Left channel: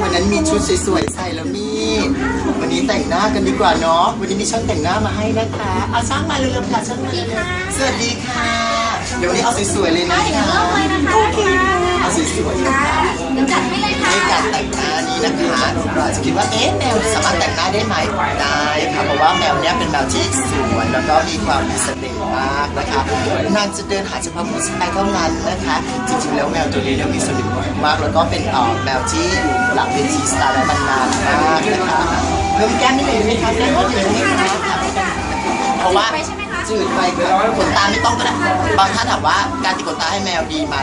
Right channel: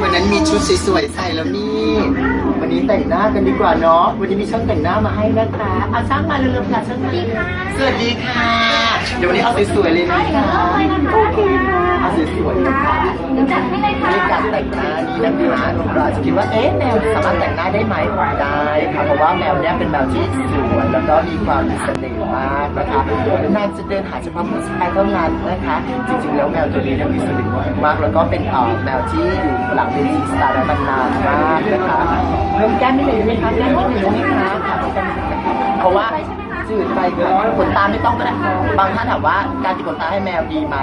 วันนั้นมีชุดสวยๆใส่แล้วนี่วันนี้แต่งหน้ากันดีกว่าเนาะวันนี้มีช่างแต่งหน้ามาให้นะคะอาช่างมาเร็วๆค่ะช่างมาเร็วๆสวัสดีค่ะ เดี๋ยววันนี้เอาสวยๆเลยนะเดี๋ยวเริ่มเลยนะคะ นี้นะคะเราอาจจะคิดว่าเอ๊ะแมวสามารถแต่งหน้าได้ไหมได้ค่ะเพราะว่าแมวเนี้ยเป็นแมวที่สวยแล้วก็มีความมีเสน่ห์มากนะคะนางจะเดินหาเฉพาะผู้ชายเท่านั้นนะคะ จริงๆแล้วแมวตัวนี้เนี่ยมีเสน่ห์มาก แล้วก็เป็นเอ่อแมวที่อยู่หลังเวทีสตาร์ได้มานานมากนะคะเพิ่มแก้มนิดหนึ่งไหมคะแก้มนิดหนึ่งไหมคะเพราะว่า จืดไปค่ะขนตาไม่ต้องก็ได้บางท่านถามว่าการติดขนตาให้แมวดีไหม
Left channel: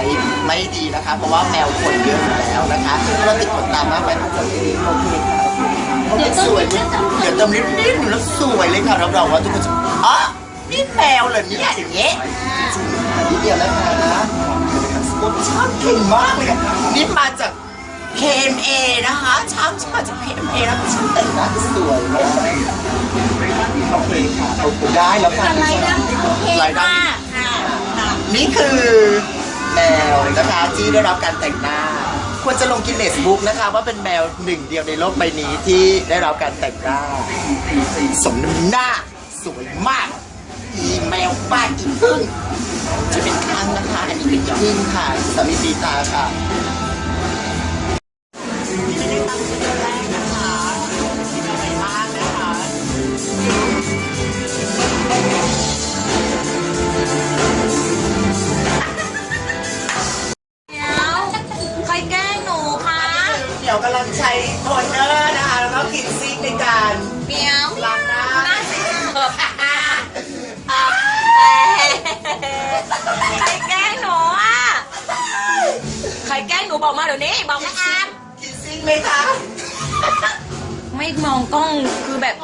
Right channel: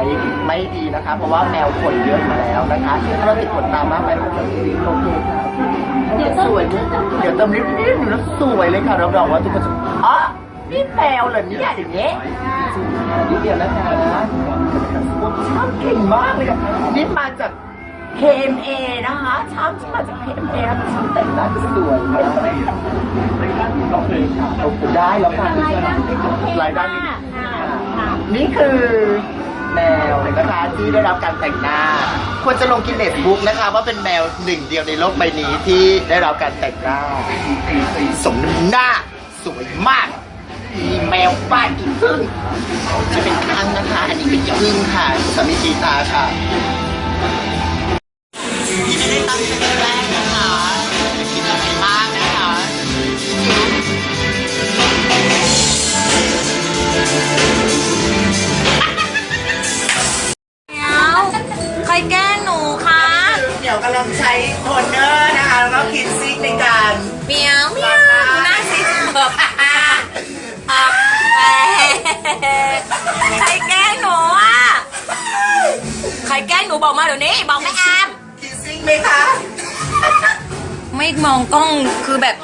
ไม่ดีนะคะ เพราะว่าแมวขนเยอะอยู่แล้วนะคะถ้าเราติดขนตามากไปอาจจะไม่ดีโอเคค่ะเดี๋ยวเติมสวยนิดนึงเดี๋ยวเติมนิดนิดแล้วสวยเลยค่ะรับรองว่าทุกคนจะอ๋อนี่แมวเหรอเนี่ยอย่างเงี้ยจริงค่ะนิดเดียวแล้วค่ะโอ้ช่างเก่งมากเลยค่ะนี่มาจาก KMA นะคะช่างที่มาจาก KMA แล้วเป็นช่างแต่งหน้าที่สวยมาก ได้แล้วค่ะอะไรดังโอเคลายดัค่ะงค่ะนี่คือแมวนะคะที่ได้รับการแต่งหน้า ควรจะลงกินเนสบุ๊กนะคะ ว่าเป็นแมวหนึ่งเดียวในโลกใบนี้ที่ได้รับการแต่งหน้า สมน้ำหน้าสวยมาก อีแมวป้าอีพึ่งจะเป็นครั้งนะคะ อันนี้เป็นพึ่งค่ะสามีกีตาค่ะ ยวกำลังใช้โทนเนอร์นะคะแล้วก็คินซิกในการเมียวเมีล้ายงวหน้าหน้าสีเบิบอะแหมใครแกล้งหนูอะใครแกล้งหนูบอกมาเดี๋ยวนี้บอกไม่อามคินซิกไหมคะไม่มองกล้องคือแบบ